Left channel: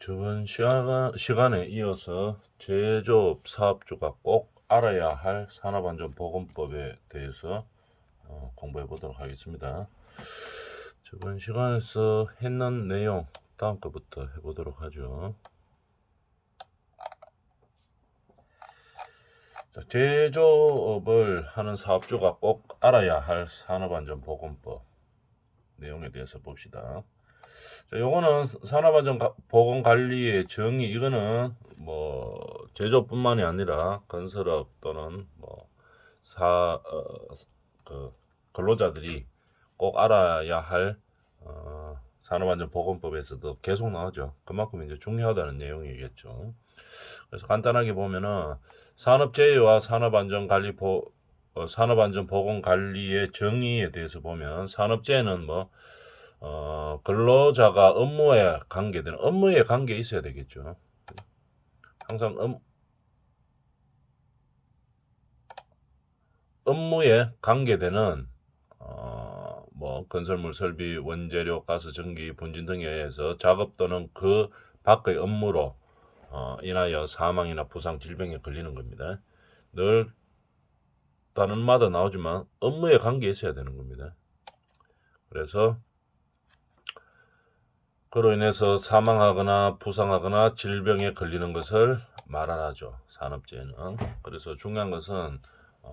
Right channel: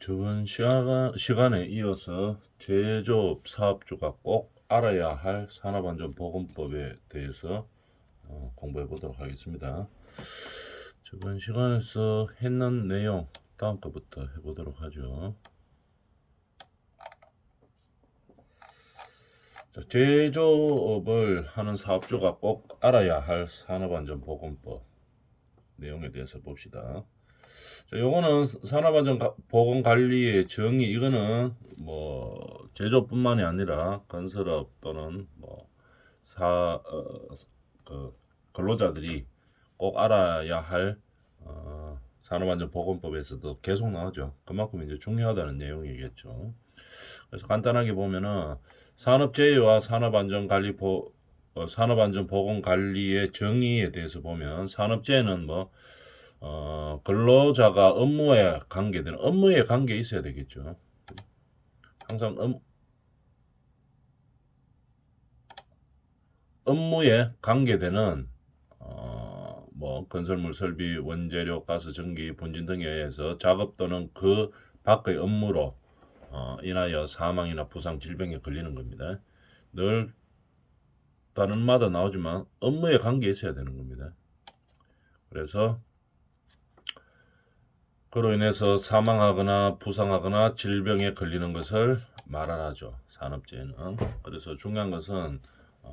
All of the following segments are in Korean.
저번 시간에 이어서 제조업 사업주가 꼭 알아야 할 산업안전보건법에 대해서 공부해 보도록 하겠습니다. 저번 시간에서 했는 내용 다음 거부터 해보도록 하죠. 자, 제조업을 하는 사업주가 꼭 알아야 할 산업안전보건법 내용에 대해서 봅시다. 자, 요거는 산업안전보건관리의 정의, 이거는 뭐 제조뿐만이 아니라 건설업 또는 뭐 그 근로자들이 꼭 알아야 할 산업안전보건법에서도 계속 나오죠. 그만큼 이제 중요하다는 내용이겠죠. 그래서 간단하게 보면은 산업재해와 산업안전보건관리의 정의에 대해서 보면, 산업재해는 뭐 근로자가 업무에 관계 있어야 되겠죠. 항상 업무에 관계되는 뭐 건설물 설비, 원재료, 가스, 전기, 분진 등에 의해서 작업 또는 그 밖의 업무로 인하여 사망이나 부상, 질병에 걸리는 겁니다. 늘 단어마다 나오지만 업무에 관계 있어야 되는 겁니다. 그래서 그로 인해서 사망하거나 부상하거나 질병에 걸리는 것을 말하죠, 산업재해는. 그래서 중요한 것은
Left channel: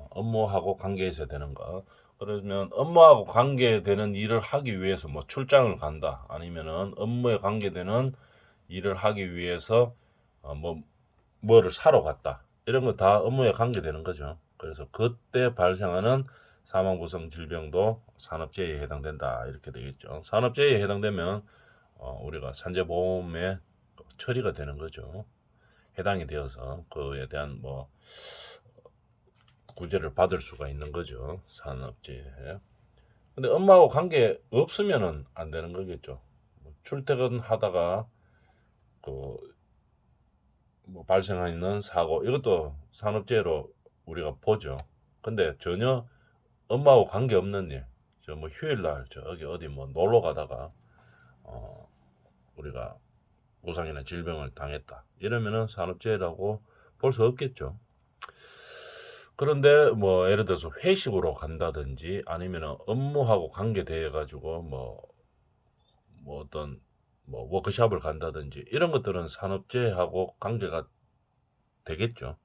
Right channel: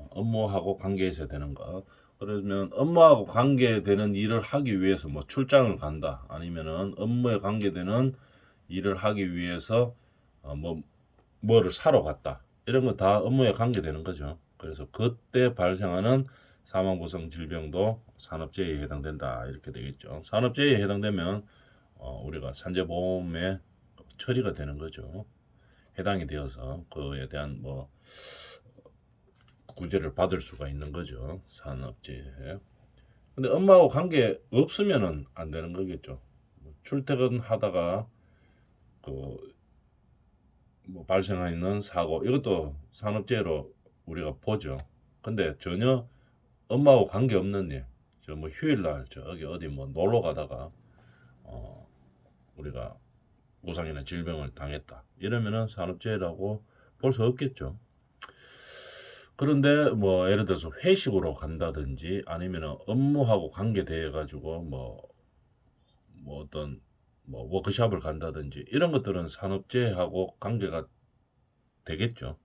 업무하고 관계 있어야 되는 것. 그러면 업무하고 관계되는 일을 하기 위해서 뭐 출장을 간다, 아니면은 업무에 관계되는 일을 하기 위해서 뭐를 사러 갔다, 이런 거 다 업무에 관계되는 거죠. 그래서 그때 발생하는 사망, 부상, 질병도 산업재해에 해당된다, 이렇게 되겠죠. 산업재해에 해당되면 우리가 산재보험에 처리가 되는 거죠. 해당이 되어서 그에 대한 뭐 구제를 받을 수가 있는 거죠, 산업재해. 근데 업무하고 관계 없으면은 안 되는 거겠죠. 출퇴근하다가 그뭐 발생하는 사고, 이것도 산업재해로 우리가 보죠. 근데 전혀 업무하고 관계 없는 일, 저 뭐 휴일날 저기 어디 뭐 놀러 가다가 우리가 부상이나 질병을 당했다, 이러면은 산업재해라고 볼 수 없겠죠. 그런데 뭐 예를 들어서 회식으로 간다든지 아니면 업무하고 관계되어 가지고 뭐 어떤 뭐 워크숍을 간다든지, 이런 것들은 산업재해하고 관계가 되겠죠.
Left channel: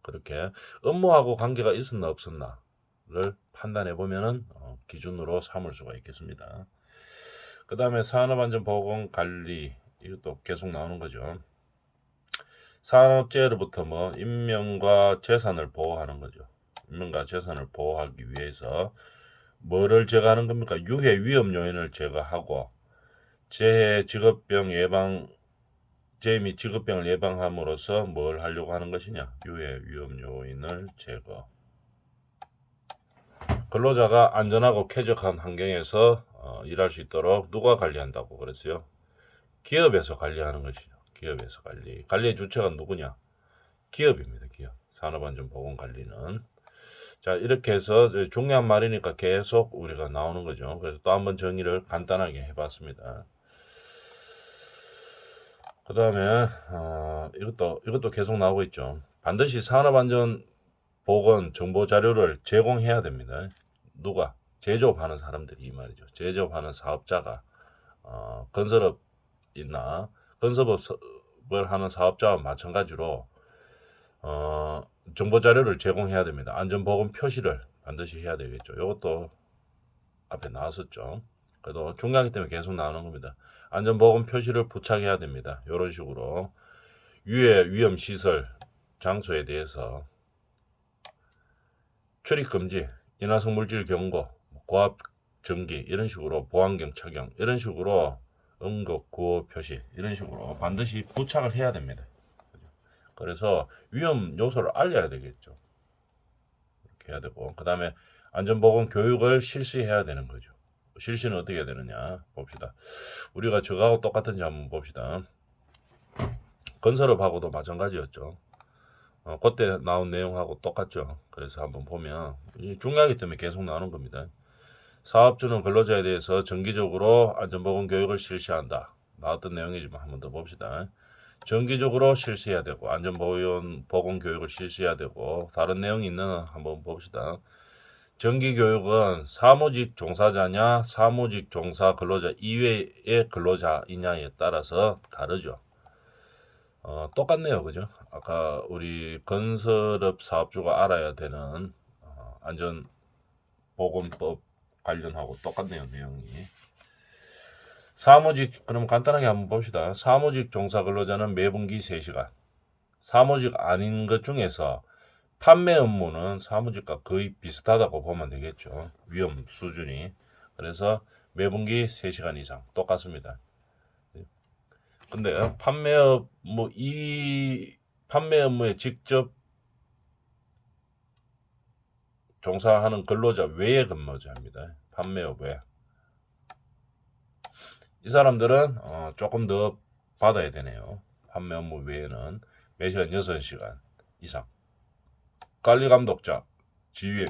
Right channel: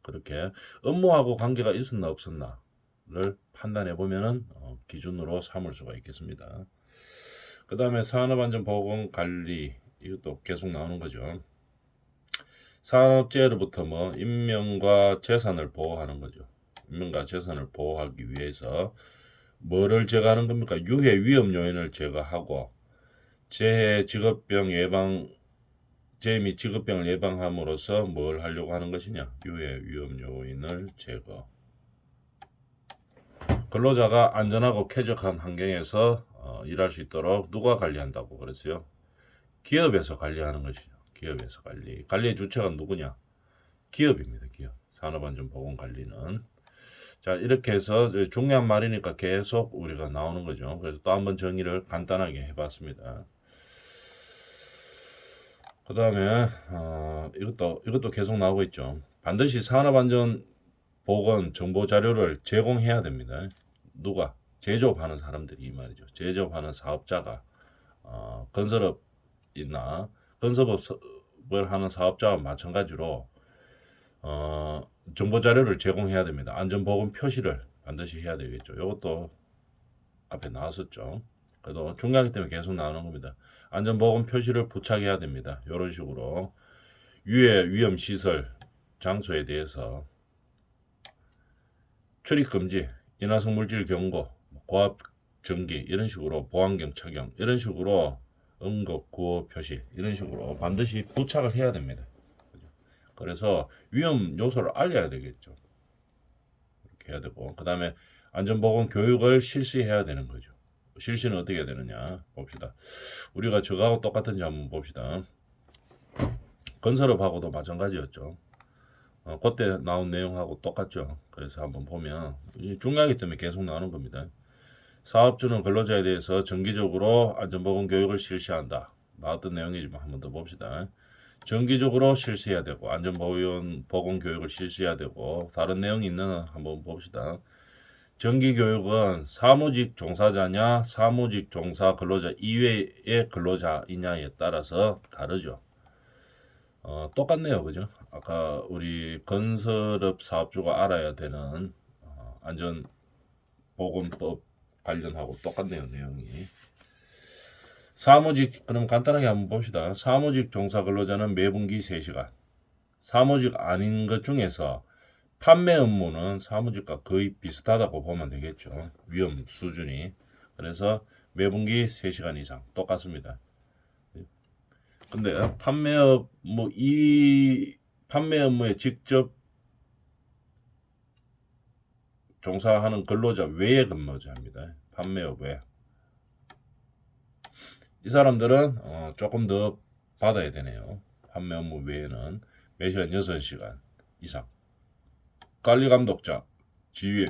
그렇게 업무하고 관계가 있었나 없었나를 판단해 보면은 기준으로 삼을 수가 있겠습니다. 그 다음에 산업안전보건관리, 이것도 계속 나오는 거죠. 산업재해로부터 뭐 인명과 재산을 보호하는 거죠. 인명과 재산을 보호하기 위해서 뭐를 제거하는 겁니까? 유해 위험 요인을 제거하고 재해 직업병 예방 재해 및 직업병을 예방함으로써 뭘 하려고 하는 것이냐? 유해 위험 요인을 제거. 근로자가 안전하고 쾌적한 환경에서 일할 수 있도록 누가 관리한다고 그랬어요? 기업에서 관리하는 것이죠. 기업에서 관리의 주체가 누구냐? 기업입니다. 기업. 산업안전보건관리는. 자, 이렇게 해서 중요한 말이니까 계속 우리가 나오는 거죠. 그래서 또 한번 정의를 간단하게 해봤습니다. 그 다음에 이것도 계속 나오고 있죠. 반드시 산업안전보건 정보 자료를 제공해야 됩니다. 누가? 제조업하는 사람들이, 이 말이죠. 제조업하는 사업자가 건설업이나 건설업을 하는 사업자와 마찬가지로 정보 자료를 제공해야 됩니다. 안전보건 표시를 반드시 해야 되겠죠. 이것도 앞에 나왔었죠. 그래도 중요하기 때문에 계속 나오는 겁니다. 안전보건 표시를 부착해야 됩니다. 이런 식으로 유해 위험 시설 장소에 대해서 출입 금지, 인화성 물질 경고, 고압 전기, 이런 식으로 보안경 착용, 이런 식으로 응급 구호 표시, 이런 식으로 반드시 부착을 해야 됩니다. 그래서 위험 요소를 알려야 되겠죠. 이렇게 해야 되고, 그 다음에 안전보건 교육을 실시해야 되는 거죠. 실시는 어떻게 해야 되느냐 봅시다. 우리가 저하고 똑같은지 한번 봅시다. 건설업하고도 마찬가지였죠. 그때 나온 내용하고 똑같죠. 그래서 한번 보면 중요하기 때문에 계속 나오는 겁니다. 사업주는 근로자에 대해서 정기적으로 안전보건 교육을 실시한다. 나왔던 내용이지만 한번 더 봅시다. 정기적으로 실시해야 되고 안전보건 교육을 실시해야 되고 다른 내용이 있는 한번 봅시다. 정기교육은 사무직 종사자냐 사무직 종사 근로자 이외의 근로자이냐에 따라서 다르죠. 똑같네요, 그죠? 아까 우리 건설업 사업주가 알아야 되는 안전보건법 관련하고 똑같네요, 내용이. 사무직, 그럼 간단하게 한번 봅시다. 사무직 종사 근로자는 매분기 3시간. 사무직 아닌 것 중에서 판매 업무는 사무직과 거의 비슷하다고 보면 되겠죠. 위험 수준이. 그래서 매분기 3시간 이상 똑같습니다. 근데 판매업 이 판매 업무에 직접 종사하는 근로자 외의 근로자입니다. 판매업 외. 이 사람들은 조금 더 받아야 되네요. 판매 업무 외에는 매시간 6시간 이상. 관리 감독자 지위에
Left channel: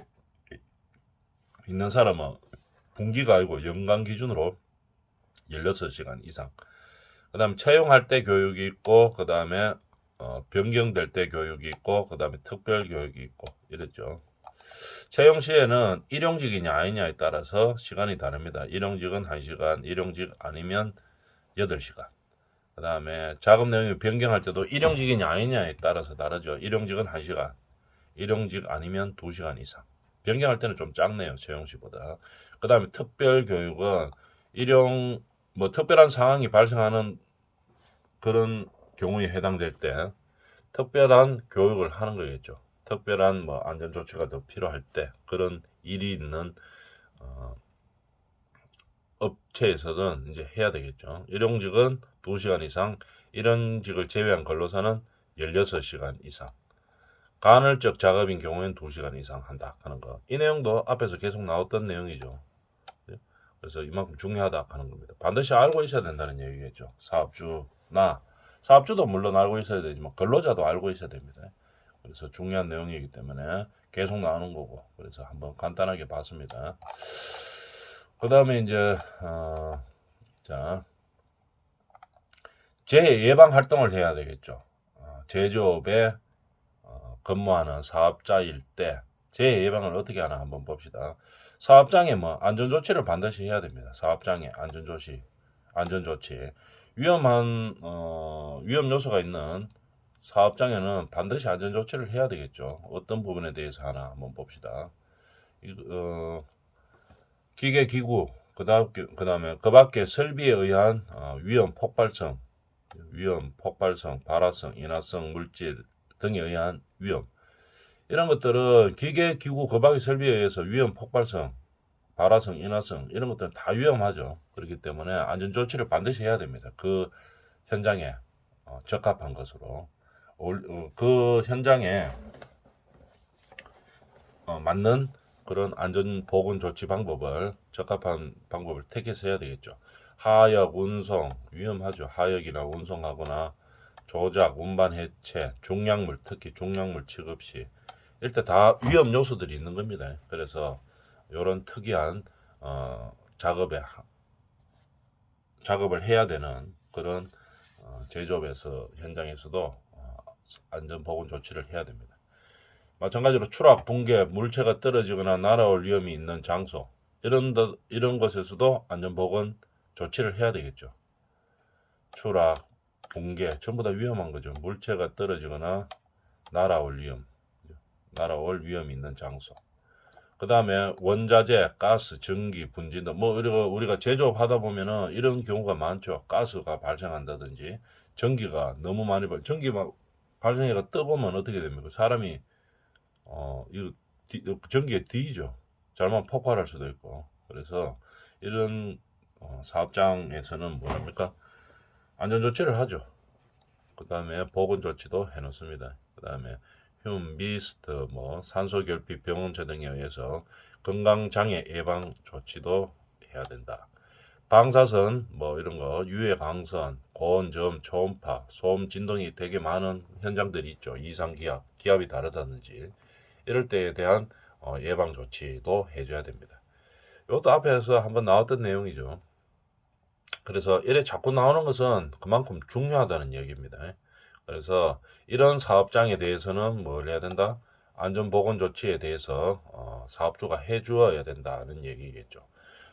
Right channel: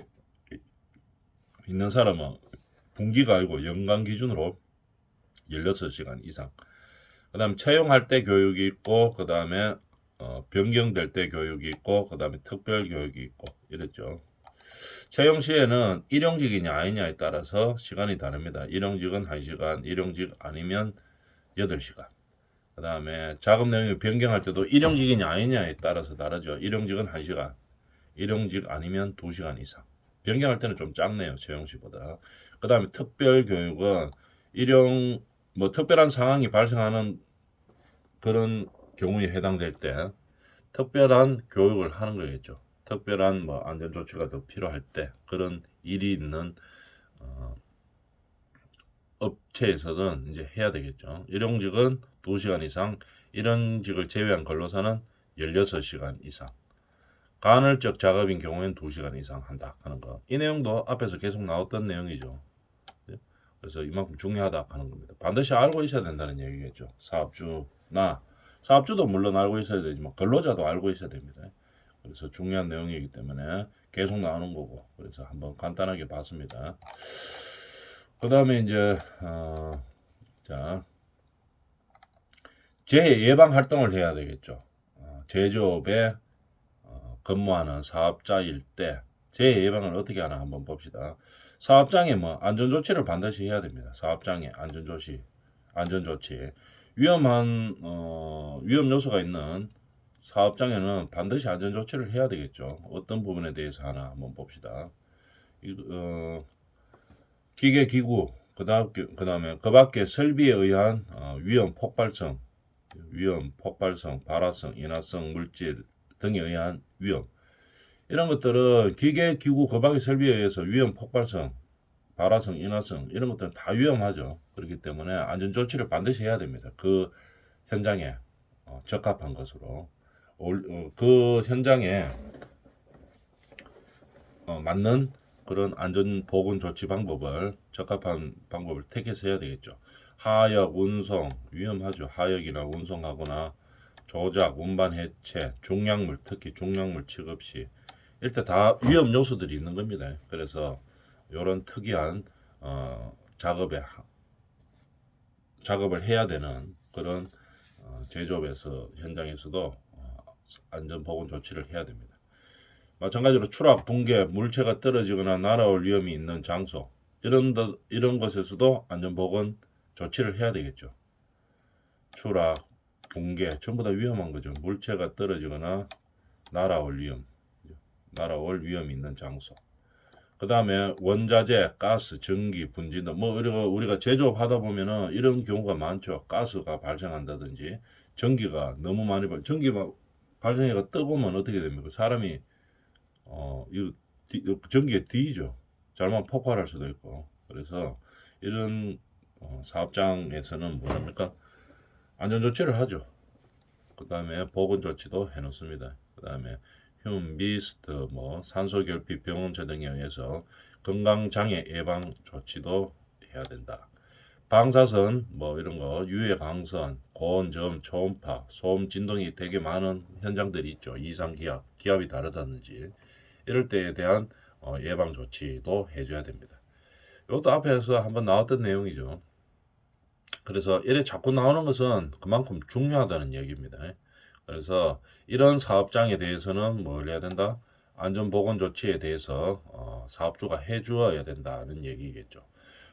있는 사람은 분기가 아니고 연간 기준으로 16시간 이상. 그 다음 채용할 때 교육이 있고 그 다음에 변경될 때 교육이 있고 그 다음에 특별 교육이 있고 이랬죠. 채용 시에는 일용직이냐 아니냐에 따라서 시간이 다릅니다. 일용직은 1시간, 일용직 아니면 8시간. 그 다음에 작업 내용이 변경할 때도 일용직이냐 아니냐에 따라서 다르죠. 일용직은 1시간, 일용직 아니면 2시간 이상. 변경할 때는 좀 작네요, 채용 시보다. 그 다음에 특별 교육은 특별한 상황이 발생하는 그런 경우에 해당될 때 특별한 교육을 하는 거겠죠. 특별한 안전 조치가 더 필요할 때 그런 일이 있는 업체에서는 이제 해야 되겠죠. 일용직은 2시간 이상, 일용직을 제외한 근로자는 16시간 이상. 간헐적 작업인 경우에는 2시간 이상 한다 하는 거. 이 내용도 앞에서 계속 나왔던 내용이죠. 그래서 이만큼 중요하다 하는 겁니다. 반드시 알고 있어야 된다는 얘기겠죠. 사업주도 물론 알고 있어야 되지만 근로자도 알고 있어야 됩니다. 그래서 중요한 내용이기 때문에 계속 나오는 거고, 그래서 한번 간단하게 봤습니다. 그 다음에 이제 재해 예방 활동을 해야 되겠죠. 제조업에 근무하는 사업자일 때 재해 예방을 어떻게 하나 한번 봅시다. 사업장에 안전 조치를 반드시 해야 됩니다. 사업장에 안전 조치. 위험 요소가 있는 사업장에는 반드시 안전 조치를 해야 되겠죠. 어떤 부분에 대해서 하나 한번 봅시다. 기계 기구 그다음에 그 밖에 설비에 의한 위험 폭발성, 발화성, 인화성 물질 등에 의한 위험, 이런 것들은 기계 기구 그 밖의 설비에 의해서 위험 폭발성, 발화성, 인화성 이런 것들은 다 위험하죠. 그렇기 때문에 안전 조치를 반드시 해야 됩니다. 그 현장에 적합한 것으로 그 현장에 맞는 그런 안전 보건 조치 방법을 적합한 방법을 택해서 해야 되겠죠. 하역, 운송 위험하죠. 하역이나 운송하거나 조작, 운반 해체, 중약물, 특히 중약물 취급 시 일단 다 위험 요소들이 있는 겁니다. 그래서 이런 특이한 작업을 해야 되는 그런 제조업에서 현장에서도 안전 보건 조치를 해야 됩니다. 마찬가지로 추락, 붕괴, 물체가 떨어지거나 날아올 위험이 있는 장소 이런 것에서도 안전보건 조치를 해야 되겠죠. 추락, 붕괴 전부 다 위험한 거죠. 물체가 떨어지거나 날아올 위험이 있는 장소. 그 다음에 원자재, 가스, 전기, 분진 등 우리가 제조업 하다 보면은 이런 경우가 많죠. 가스가 발생한다든지 전기가 너무 많이 전기 발생해가 뜨거우면 어떻게 됩니까? 사람이 이거 전기에 뒤죠. 잘못 폭발할 수도 있고. 그래서 이런 사업장에서는 뭡니까? 안전 조치를 하죠. 그 다음에 보건 조치도 해놓습니다. 그 다음에 흉, 미스트, 산소 결핍, 병원체 등에 의해서 건강 장애 예방 조치도 해야 된다. 방사선 이런 거 유해 강선, 고온점, 초음파, 소음 진동이 되게 많은 현장들이 있죠. 이상 기압이 다르다든지 이럴 때에 대한 예방 조치도 해줘야 됩니다. 이것도 앞에서 한번 나왔던 내용이죠. 그래서 이래 자꾸 나오는 것은 그만큼 중요하다는 얘기입니다. 그래서 이런 사업장에 대해서는 뭘 해야 된다? 안전보건 조치에 대해서 사업주가 해주어야 된다는 얘기겠죠.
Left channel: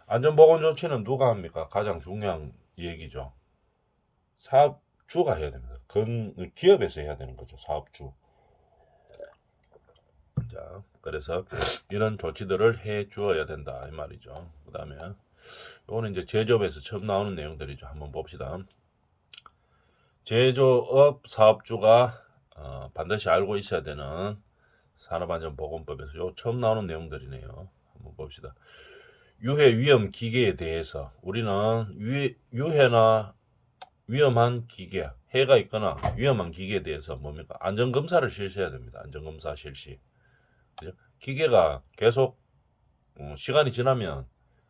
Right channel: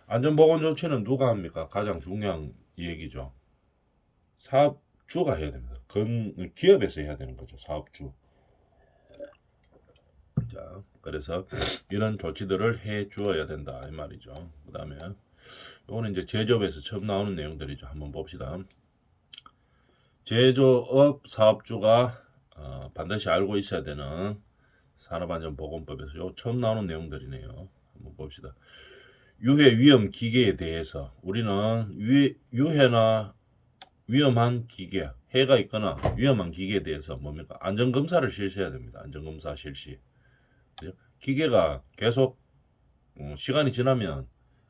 안전보건 조치는 누가 합니까? 가장 중요한 얘기죠. 사업주가 해야 됩니다. 기업에서 해야 되는 거죠. 사업주. 자, 그래서 이런 조치들을 해 주어야 된다 이 말이죠. 그 다음에 이거는 이제 제조업에서 처음 나오는 내용들이죠. 한번 봅시다. 제조업 사업주가 반드시 알고 있어야 되는 산업안전보건법에서 요 처음 나오는 내용들이네요. 한번 봅시다. 유해 위험 기계에 대해서 우리는 유해나 위험한 기계, 해가 있거나 위험한 기계에 대해서 뭡니까? 안전검사를 실시해야 됩니다. 안전검사 실시. 그죠? 기계가 계속 시간이 지나면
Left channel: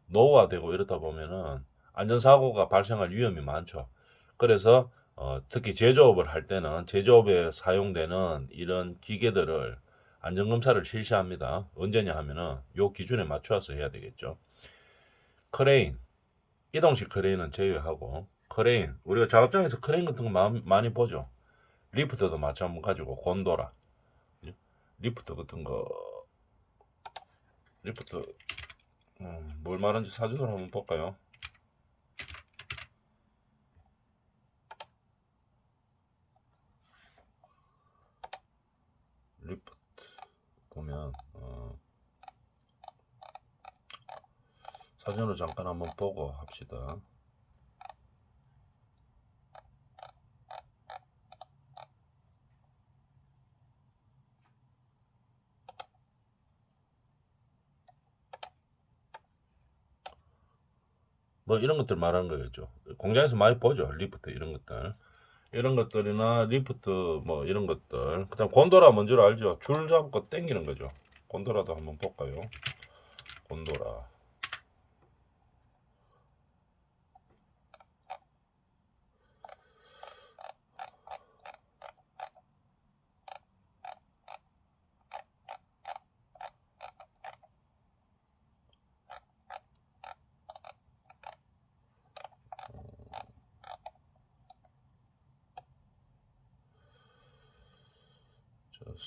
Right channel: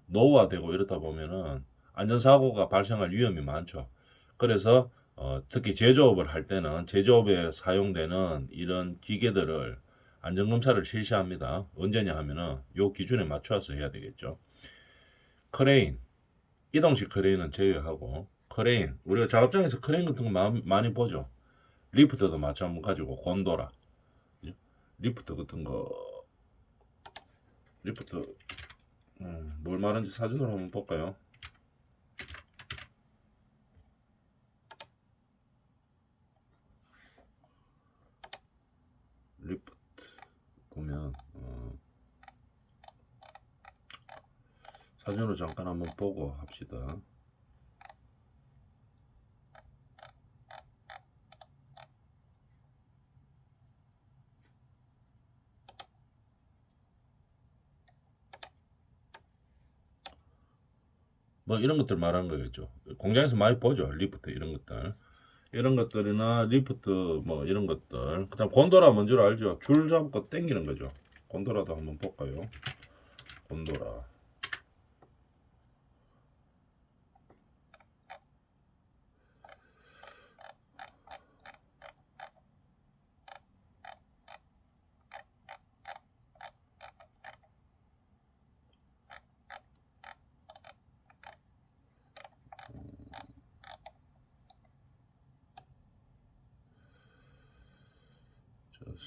노후화되고 이러다 보면은 안전사고가 발생할 위험이 많죠. 그래서 특히 제조업을 할 때는 제조업에 사용되는 이런 기계들을 안전검사를 실시합니다. 언제냐 하면은 요 기준에 맞춰서 해야 되겠죠. 크레인, 이동식 크레인은 제외하고 크레인, 우리가 작업장에서 크레인 같은 거 많이 보죠. 리프트도 마찬가지고 곤도라, 리프트 같은 거, 리프트 뭘 말하는지 사진으로 한번 볼까요? 리프트 보면 사진으로 잠깐 한번 보고 합시다. 뭐 이런 것들 말하는 거겠죠. 공장에서 많이 보죠. 리프트 이런 것들. 이런 것들이나 리프트 뭐 이런 것들. 그다음 곤도라 뭔지를 알죠. 줄 잡고 당기는 거죠. 곤도라도 한번 볼까요? 곤도라.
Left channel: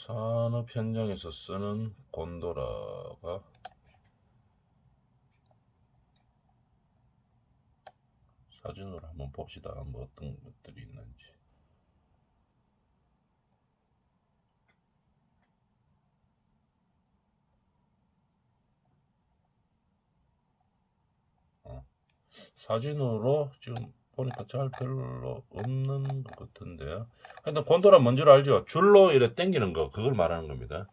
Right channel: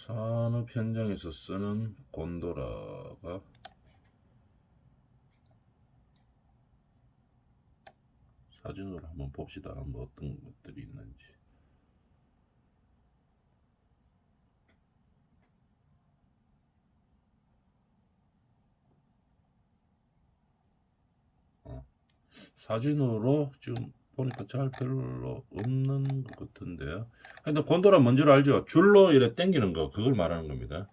산업 현장에서 쓰는 곤도라가 사진으로 한번 봅시다. 뭐 어떤 것들이 있는지. 사진으로 지금 보니까 잘 별로 없는 것 같은데요. 근데 곤도라 뭔지를 알죠? 줄로 이렇게 당기는 거 그걸 말하는 겁니다.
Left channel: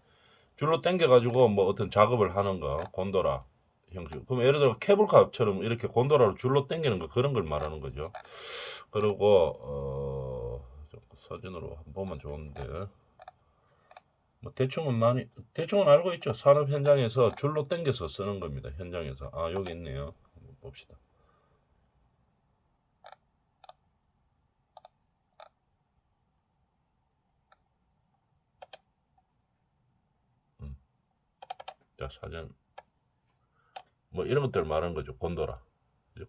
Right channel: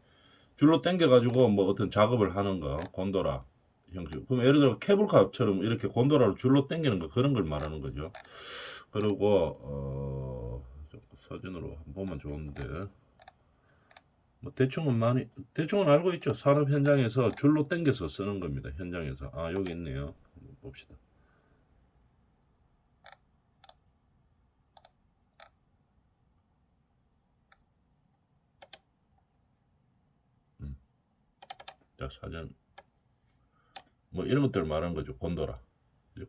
줄로 당겨 가지고 뭐 어떤 작업을 하는 거 곤도라 형식. 그럼 예를 들어 케이블카처럼 이렇게 곤도라로 줄로 당기는 거 그런 걸 말하는 거죠. 그리고 사진으로 한 번만 좋은데 뭐 대충은 알고 있죠. 산업 현장에서 줄로 당겨서 쓰는 겁니다. 현장에서 여기 있네요. 한번 봅시다. 음, 자 사진 뭐 이런 것들 말하는 거죠. 곤도라.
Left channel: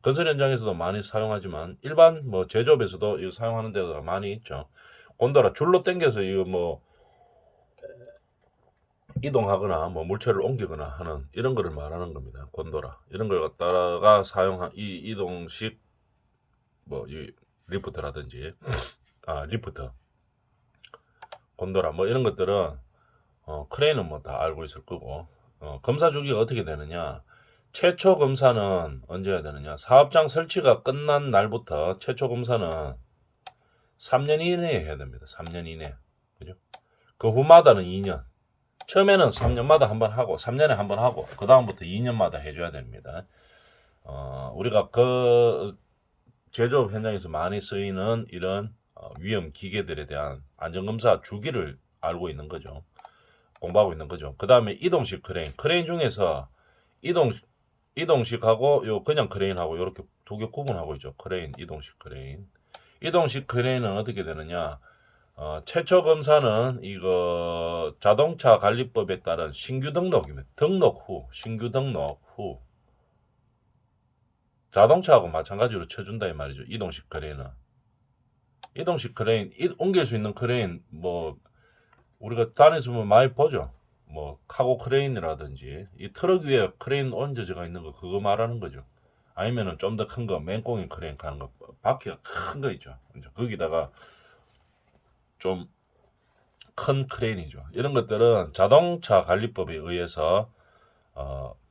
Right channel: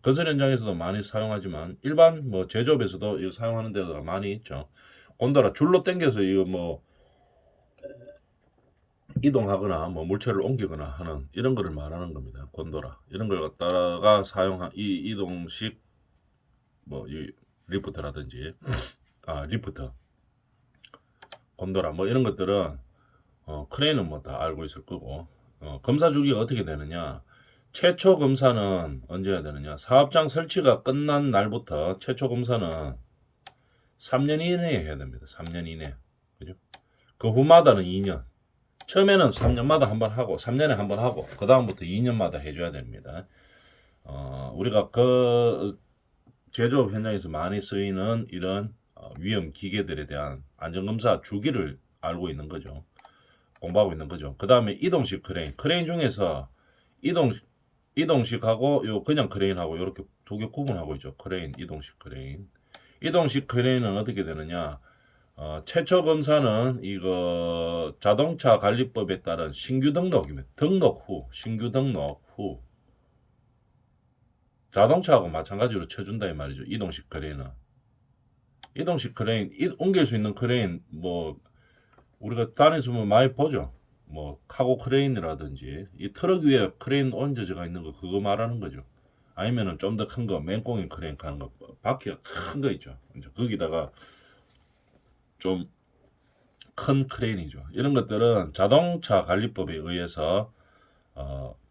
건설 현장에서도 많이 사용하지만 일반 뭐 제조업에서도 이거 사용하는 데가 많이 있죠. 곤도라 줄로 당겨서 이거 뭐 이동하거나 뭐 물체를 옮기거나 하는 이런 거를 말하는 겁니다. 곤도라 이런 걸 갖다가 사용한 이 이동식 뭐 이 리프트라든지 리프트 곤도라 뭐 이런 것들은 크레인은 뭐 다 알고 있을 거고 검사 주기가 어떻게 되느냐. 최초 검사는 언제 해야 되느냐. 사업장 설치가 끝난 날부터 최초 검사는 3년 이내에 해야 됩니다. 3년 이내. 그죠? 그 후마다는 2년. 처음에는 3년마다 한 번 하고 3년에 한 번 하고 그 다음부터 2년마다 해줘야 됩니다. 우리가 그 제조업 현장에서 많이 쓰이는 이런 위험 기계들에 대한 안전검사 주기를 알고 있는 거죠. 공부하고 있는 거죠. 그 다음에 이동식 크레인 중에서 이동식하고 요 그냥 크레인하고 이렇게 두 개 구분하고 있죠. 크레인, 이동식 크레인. 이동식 크레인은 어떻게 되느냐? 최초 검사는 이거 자동차 관리법에 따른 신규 등록입니다. 신규 등록 후 자동차하고 마찬가지로 쳐준다 이 말이죠. 이동식 크레인은. 이동식 크레인, 옮길 수 있는 크레인, 뭐 우리가 다니시면 많이 보죠. 뭐 카고 크레인이라든지 이 트럭 위에 크레인 얹어져 있는 거 그거 말하는 거죠. 아니면은 좀 더 큰 거, 맨꽁이 크레인 가는 거, 바퀴가 큰 거 있죠. 이제 거기다가 좀 큰 크레인이죠. 이런 것들은 자동차 관리법에 의해서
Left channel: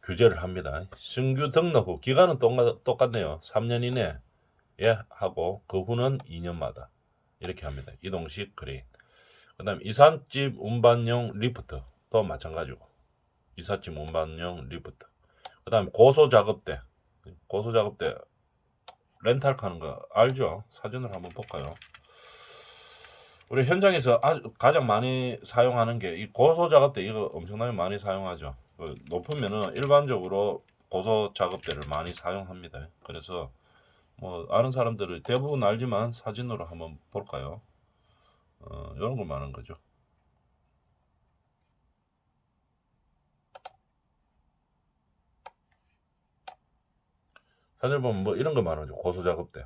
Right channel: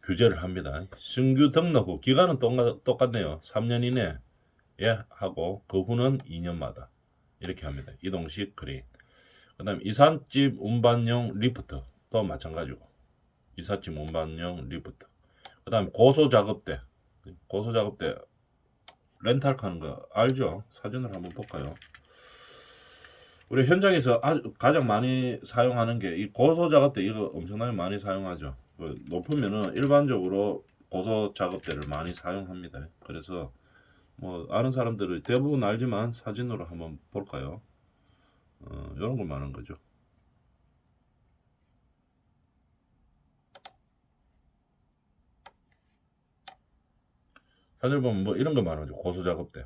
규제를 합니다. 신규 등록 후 기간은 똑같네요. 3년 이내 예 하고 그 후는 2년마다 이렇게 합니다. 이동식 크레인. 그다음 이삿짐 운반용 리프트도 마찬가지고 이삿짐 운반용 리프트. 그다음 고소 작업대. 고소 작업대 렌탈 하는 거 알죠? 사진을 한번 볼까요? 우리 현장에서 아주 가장 많이 사용하는 게 이 고소 작업대 이거 엄청나게 많이 사용하죠. 높으면은 일반적으로 고소 작업대를 많이 사용합니다. 그래서 뭐 아는 사람들은 대부분 알지만 사진으로 한번 볼까요? 이런 걸 말하는 거죠. 사진 보면 뭐 이런 거 말하는 거죠. 고소 작업대.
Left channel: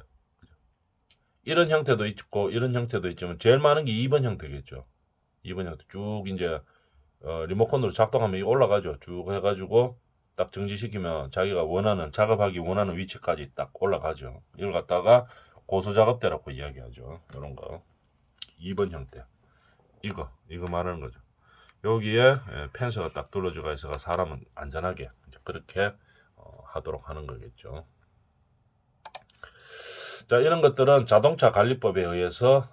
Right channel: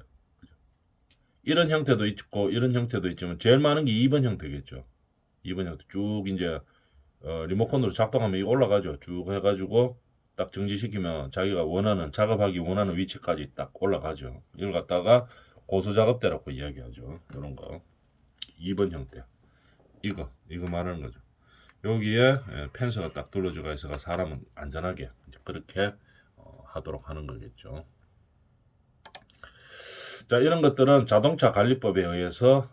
이런 형태도 있고 이런 형태도 있지만 제일 많은 게 2번 형태겠죠. 2번 형태 쭉 이제 리모컨으로 작동하면 이게 올라가죠. 쭉 해가지고 딱 정지시키면 자기가 원하는 작업하기 원하는 위치까지 딱 올라가죠. 이걸 갖다가 고소 작업대라고 이야기하죠. 이런 거 2번 형태. 이거 말하는 거죠. 여기에 펜스가 딱 둘러져가 있어가 사람은 안전하게 이제 그렇게 하도록 하는 거겠죠. 자, 이런 것들은 자동차 관리법에 의해서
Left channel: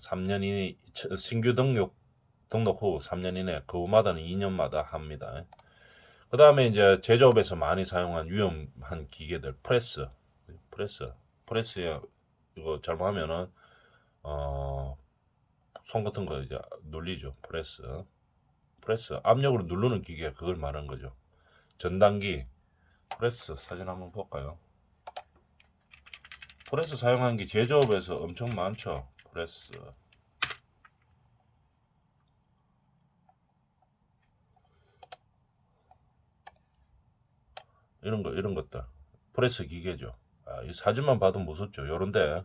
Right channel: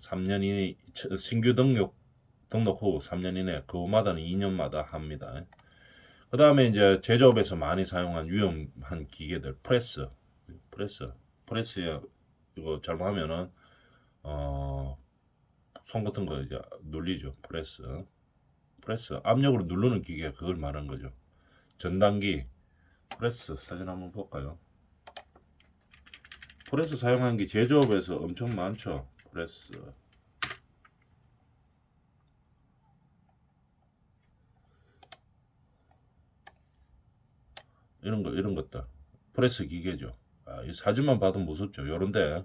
3년 이내 신규 등록 후 3년 이내 그 후마다는 2년마다 합니다. 그 다음에 이제 제조업에서 많이 사용한 위험한 기계들 프레스에 이거 잘못하면은 손 같은 거 이제 눌리죠. 프레스 압력으로 누르는 기계 그걸 말하는 거죠. 전단기 프레스 사진 한번 볼까요? 프레스 사용한 게 제조업에서 엄청 많죠. 프레스 이런 것들 프레스 기계죠. 이 사진만 봐도 무섭죠. 요런데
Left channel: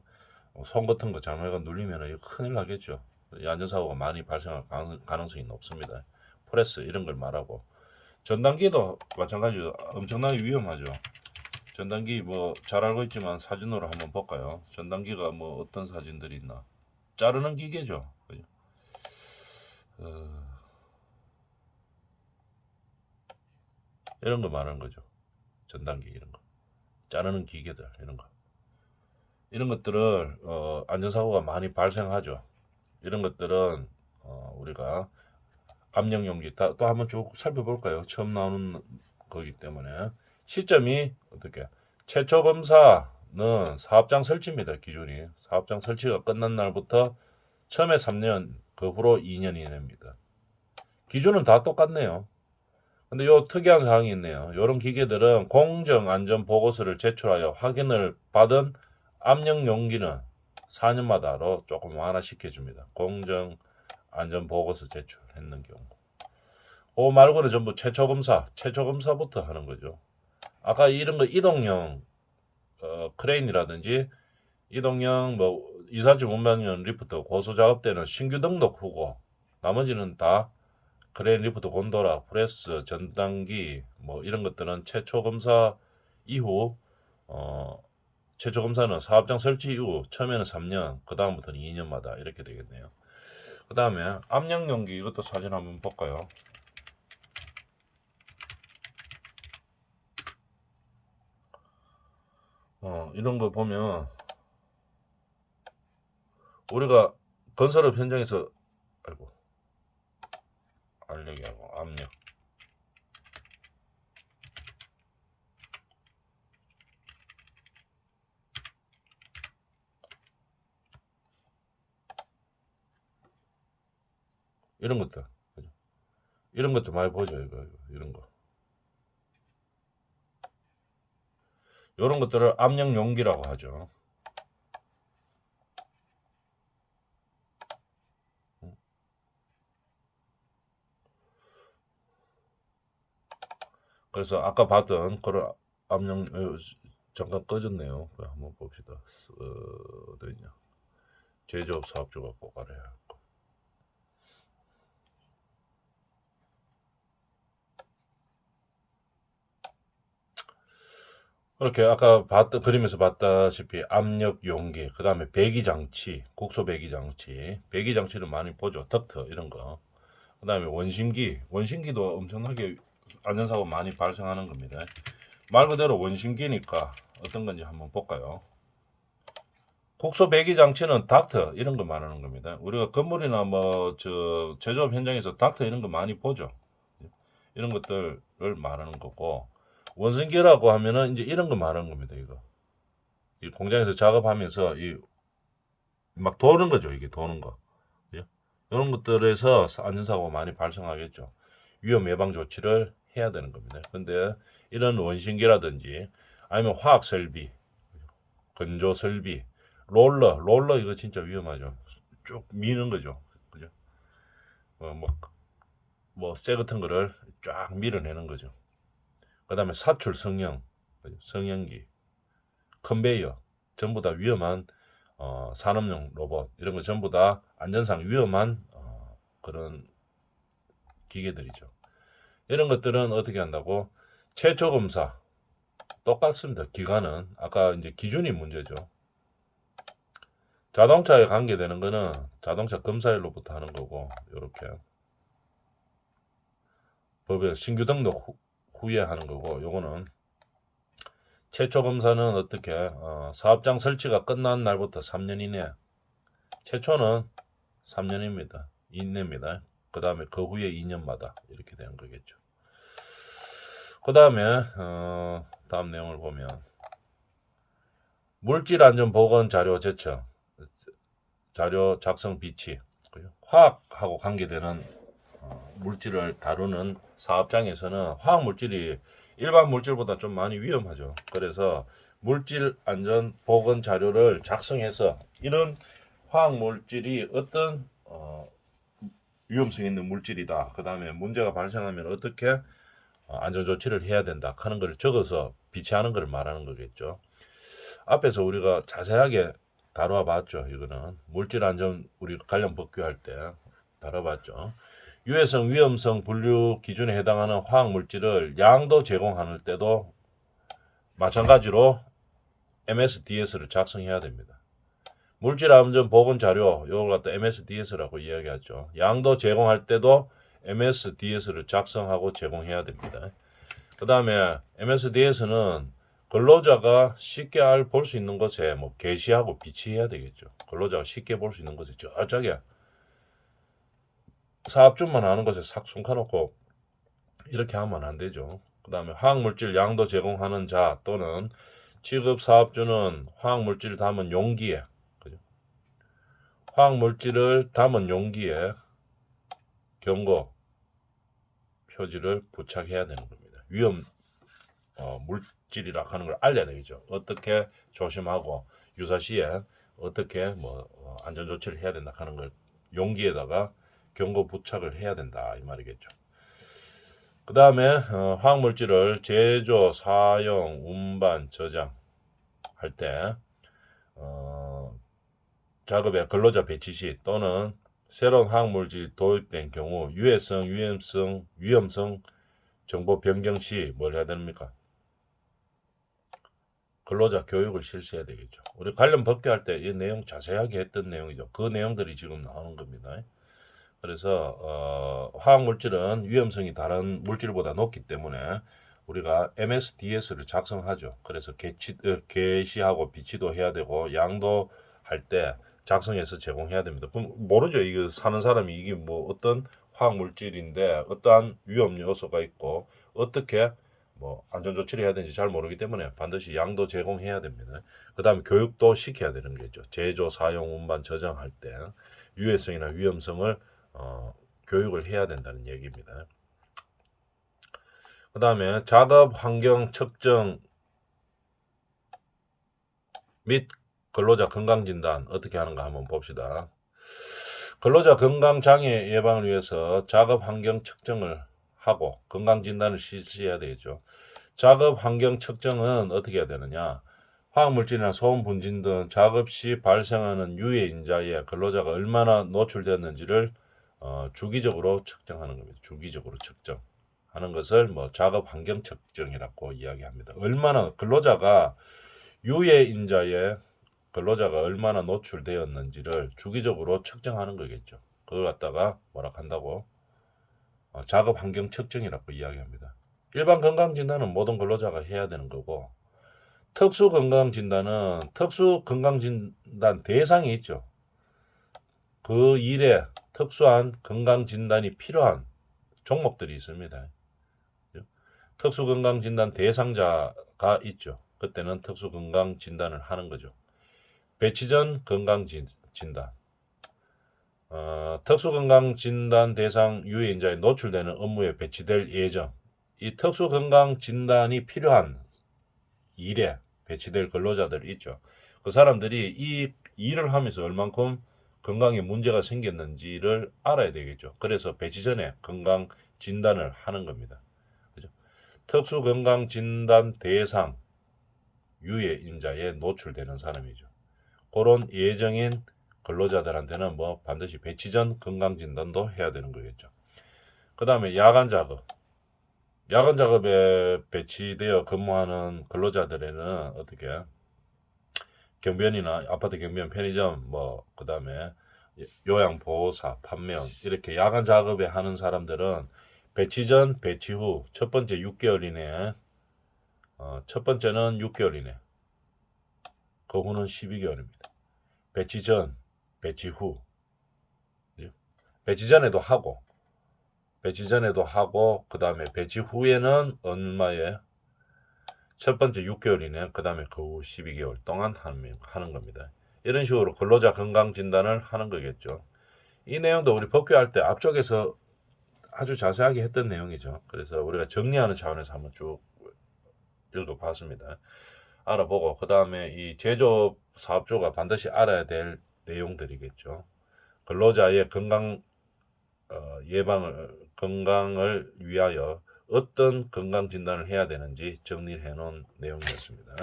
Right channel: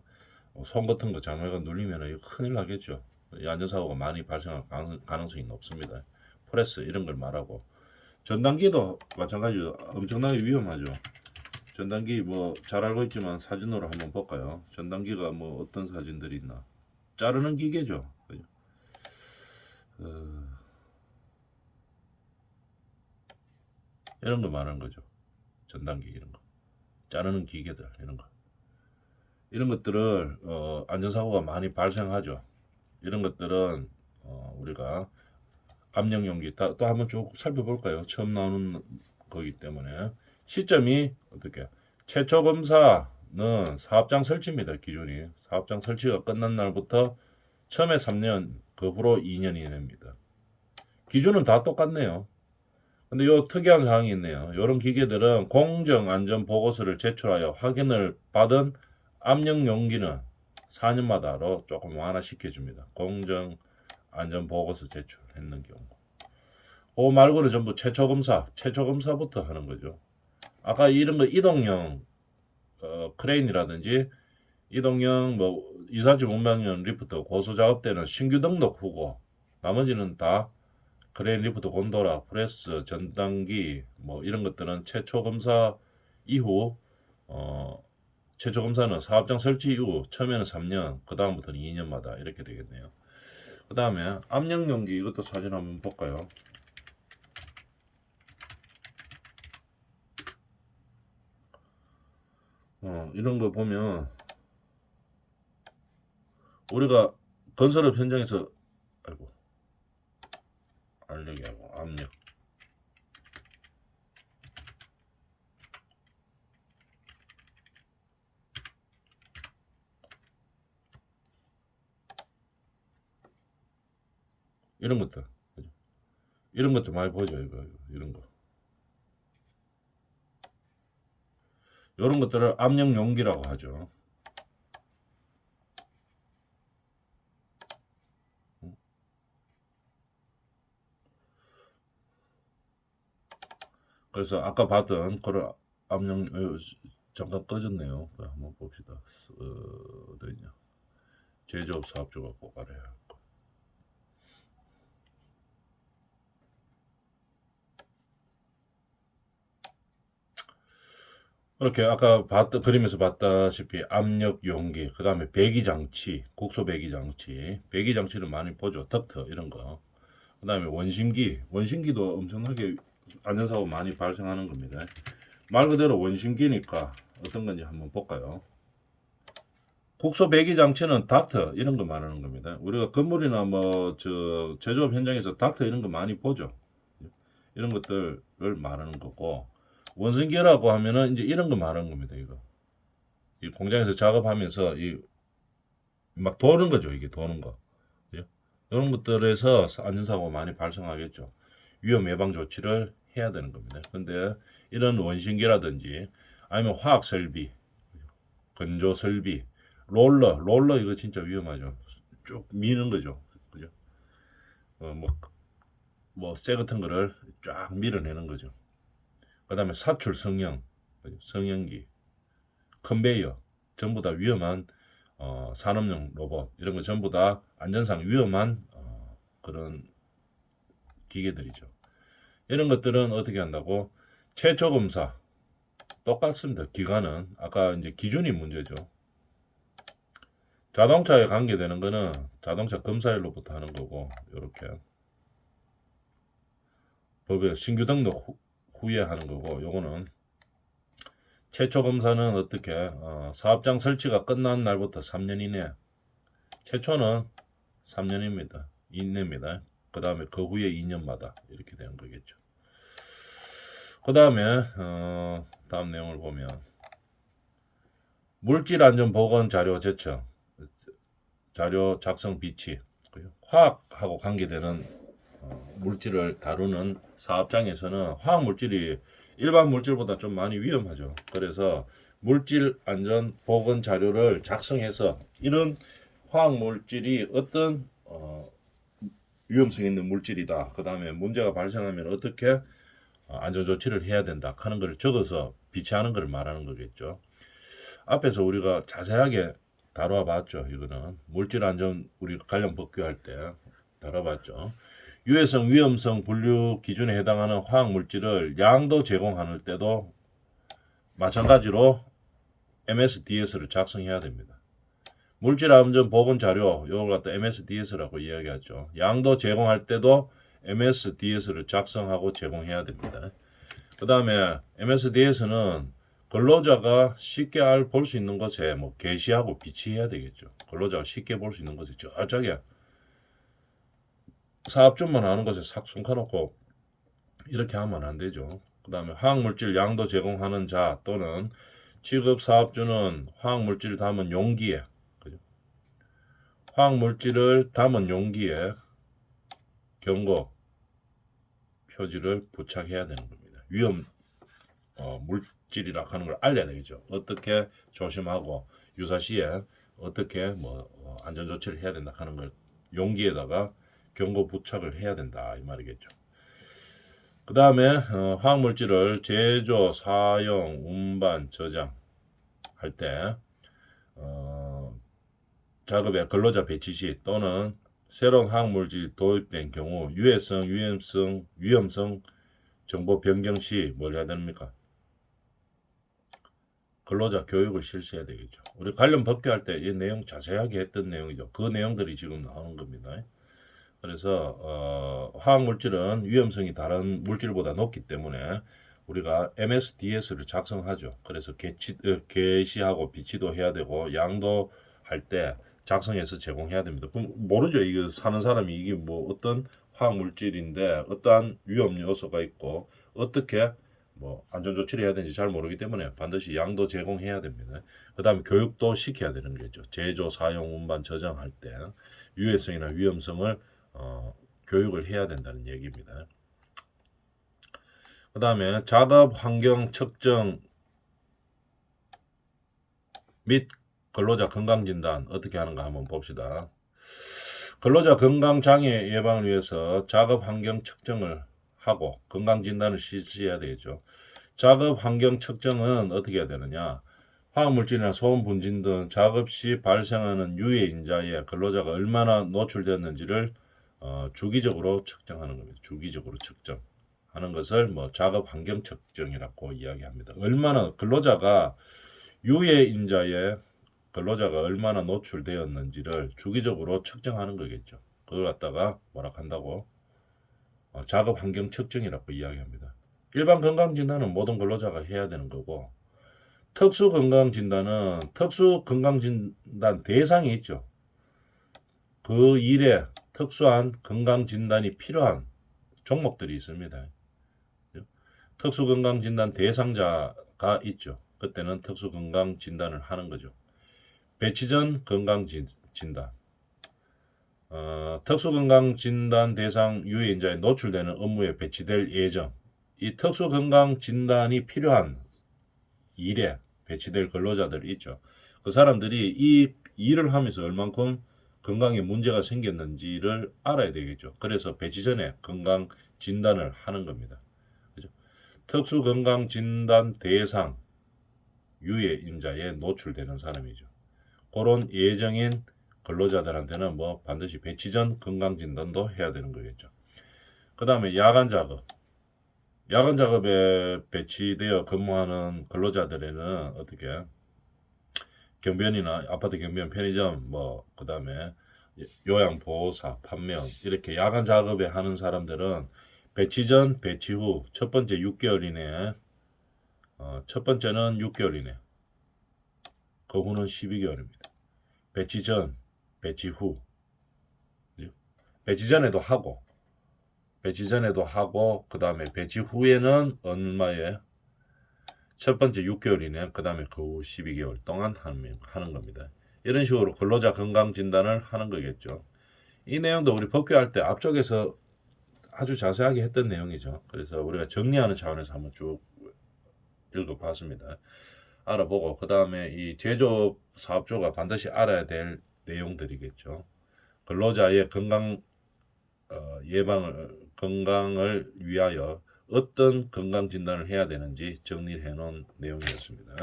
손 같은 거 장애가 눌리면 큰일 나겠죠. 이 안전사고가 많이 발생할 가능성이 높습니다. 프레스 이런 걸 말하고 전단기도 마찬가지로 엄청나게 위험하죠. 전단기 뭐 잘 알고 있지만 사진으로 한번 볼까요? 전단기가 뭐 어떤 사진들이 있나? 자르는 기계죠. 어, 이런 거 말하는 거죠. 전단기 이런 거. 자르는 기계들 이런 것들을 안전사고가 많이 발생하죠. 이런 것들은 우리가 압력용기 또 한번 쭉 살펴볼까요? 처음 나오는 거기 때문에 시점이 어떻게 최초 검사는 사업장 설치입니다. 기준이 사업장 설치가 끝난 날부터 처음에 3년 그 후로 2년 이내입니다. 기준은 다 똑같네요. 근데 요 특이한 사항이 있네요. 이런 기계들은 공정 안전 보고서를 제출하여 확인을 받은 압력 용기는 4년마다로 조금 완화시켜 줍니다. 공정 안전 보고서 제출했는 경우. 그 말고는 전부 최초 검사부터 하는 거죠. 아까 이런 거 이동형 크레인이라든지 이동형 뭐 이삿짐 운반용 리프트 고소 작업대는 신규 등록 후고 나머지는 다 크레인 리프트 곤도라 프레스 전단기 뭐 이런 것들은 최초 검사 이후 최초 검사는 사업장 설치 이후 처음에는 3년 그 다음부터는 2년마다 이렇게 되겠네요. 그 다음에 압력용기 이것도 사진 한번 볼까요? 이런 거 보면 우리가 건설업 현장에서 아이고 알력이하고 압력 이런 것들 이런 것도 많이 보죠. 이런 거 이런 것들을 압력 용기라고 하죠. 그래서 아까 봤던 그런 압력 잠깐 꺼졌네요. 한번 봅시다. 어디 있냐? 제조업 사업주가 꼭 알아야 할 거. 이렇게 아까 그림에서 봤다시피 압력 용기, 그 다음에 배기장치, 국소 배기장치, 배기장치를 많이 보죠. 덕트 이런 거. 그 다음에 원심기도 엄청나게 안전사고 많이 발생하는 겁니다. 말 그대로 원심기니까 어떤 건지 한번 볼까요? 국소 배기 장치는 닥터 이런 거 말하는 겁니다. 우리가 건물이나 뭐 저 제조업 현장에서 닥터 이런 거 많이 보죠. 이런 것들을 말하는 거고, 원심기라고 하면은 이제 이런 거 말하는 겁니다. 이거 이 공장에서 작업하면서 이 막 도는 거죠. 이게 도는 거. 이런 것들에서 안전사고가 많이 발생하겠죠. 위험 예방 조치를 해야 되는 겁니다. 근데 이런 원심기라든지 아니면 화학 설비, 건조 설비, 롤러 이거 진짜 위험하죠. 쭉 미는 거죠. 그죠? 쇠 같은 거를 쫙 밀어내는 거죠. 그 다음에 사출 성형기, 컨베이어, 전부 다 위험한 산업용 로봇, 이런 거 전부 다 안전상 위험한 그런 기계들이죠. 이런 것들은 어떻게 한다고? 최초 검사 똑같습니다. 기간은 아까 이제 기준이 문제죠. 자동차에 관계되는 거는 자동차 검사일로부터 하는 거고, 이렇게 법에 신규 등록 후에 하는 거고, 요거는 최초 검사는 어떻게 사업장 설치가 끝난 날부터 3년 이내, 최초는 3년입니다. 이내입니다. 그 다음에 그 후에 2년마다 이렇게 되는 거겠죠. 그 다음에 다음 내용을 보면 물질안전보건 자료 제청, 자료 작성 비치, 화학하고 관계되는 물질을 다루는 사업장에서는 화학 물질이 일반 물질보다 좀 많이 위험하죠. 그래서 물질 안전 보건 자료를 작성해서 이런 화학 물질이 어떤 위험성 있는 물질이다. 그 다음에 문제가 발생하면 어떻게 안전 조치를 해야 된다 하는 걸 적어서 비치하는 걸 말하는 거겠죠. 앞에서 우리가 자세하게 다뤄봤죠. 이거는 물질 안전 우리 관련 법규할 때 다뤄봤죠. 유해성, 위험성 분류 기준에 해당하는 화학 물질을 양도 제공할 때도 마찬가지로 MSDS를 작성해야 됩니다. 물질 안전 보건 자료, 이걸 갖다 MSDS라고 이야기하죠. 양도 제공할 때도 MSDS를 작성하고 제공해야 됩니다. 그 다음에 MSDS는 근로자가 쉽게 볼 수 있는 곳에 뭐 게시하고 비치해야 되겠죠. 근로자가 쉽게 볼 수 있는 곳에 저쪽에 사업주만 아는 곳에 싹 숨겨놓고 이렇게 하면 안 되죠. 그 다음에 화학물질 양도 제공하는 자 또는 취급 사업주는 화학물질 담은 용기에, 화학물질을 담은 용기에 경고 표지를 부착해야 되는 겁니다. 위험 물질이라 하는 걸 알려야 되겠죠. 어떻게 조심하고 유사시에 어떻게 안전 조치를 해야 된다 하는 걸 용기에다가 경고 부착을 해야 된다 이 말이겠죠. 그 다음에 화학물질을 제조, 사용, 운반, 저장할 때 작업의 근로자 배치 시 또는 새로운 화학물질 도입된 경우 유해성, 위험성 정보 변경 시 뭘 해야 됩니까? 근로자 교육을 실시해야 되겠죠. 우리 관련 법규할 때 이 내용 자세하게 했던 내용이죠. 그 내용들이 지금 나오는 겁니다. 그래서 화학물질은 위험성이 다른 물질보다 높기 때문에 우리가 MSDS를 작성하죠. 그래서 게시하고 비치도 해야 되고 양도할 때 작성해서 제공해야 됩니다. 그럼 모르죠. 이거 사는 사람이 이게 뭐 어떤 화학물질인데 어떠한 위험 요소가 있고 어떻게 안전 조치를 해야 되는지 잘 모르기 때문에 반드시 양도 제공해야 됩니다. 그 다음에 교육도 시켜야 되는 거죠. 제조, 사용, 운반, 저장할 때 유해성이나 위험성을 교육을 해야 된다는 얘기입니다. 그 다음에 작업 환경 측정 및 근로자 건강진단 어떻게 하는가 한번 봅시다. 근로자 건강장애 예방을 위해서 작업 환경 측정을 하고 건강진단을 실시해야 되겠죠. 작업 환경 측정은 어떻게 해야 되느냐? 화학물질이나 소음 분진 등 작업 시 발생하는 유해 인자에 근로자가 얼마나 노출되었는지를 주기적으로 측정하는 겁니다. 주기적으로 측정하는 것을 뭐 작업 환경 측정이라고 이야기합니다. 얼마나 근로자가 유해 인자에 근로자가 얼마나 노출되었는지를 주기적으로 측정하는 거겠죠. 그걸 갖다가 뭐라 한다고 작업 환경 측정이라고 이야기합니다. 일반 건강진단은 모든 근로자가 해야 되는 거고, 특수 건강진단은 특수 건강진단 대상이 있죠. 그 일에 특수한 건강진단이 필요한 종목들이 있습니다. 특수 건강진단 대상자가 있죠. 그때는 특수 건강진단을 하는 거죠. 배치 전 건강진단. 특수건강진단 대상 유해인자에 노출되는 업무에 배치될 예정. 이 특수건강진단이 필요한 일에 배치될 근로자들이 있죠. 그 사람들이 이 일을 하면서 얼만큼 건강에 문제가 생겼는지를 알아야 되겠죠. 그래서 배치 전에 건강진단을 하는 겁니다. 그죠? 특수건강진단 대상 유해인자에 노출되는 사람이죠. 그런 예정인 근로자들한테는 뭐 반드시 배치 전 건강진단도 해야 되는 거겠죠. 그 다음에 야간 작업. 야간 작업에 배치되어 근무하는 근로자들에는 어떻게 경비원이나 아파트 경비원, 편의점, 뭐 그 다음에 요양보호사, 판매원 이렇게 야간 작업에 하는 사람들은 배치 전, 배치 후 첫 번째 6개월 이내에 첫 번째는 6개월 이내, 그 후는 12개월입니다. 배치 전, 배치 후, 배치 전에도 하고 그 다음에 배치 후에는 얼마에 첫 번째 6개월 이내, 그 다음에 그 후 12개월 동안 하는 겁니다. 이런 식으로 근로자 건강 진단을 하는 거겠죠. 이 내용도 우리 법규할 때 앞쪽에서 아주 자세하게 했던 내용이죠. 그래서 우리가 정리하는 차원에서 한번 쭉 읽어봤습니다. 알아보고 그 다음에 이 제조업 사업주가 반드시 알아야 될 내용들이겠죠. 근로자의 건강을 위하여 어떤 건강 진단을 해야 되는지 정리해 놓은 내용이었습니다.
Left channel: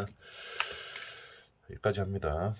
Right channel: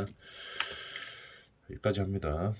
여기까지 합니다.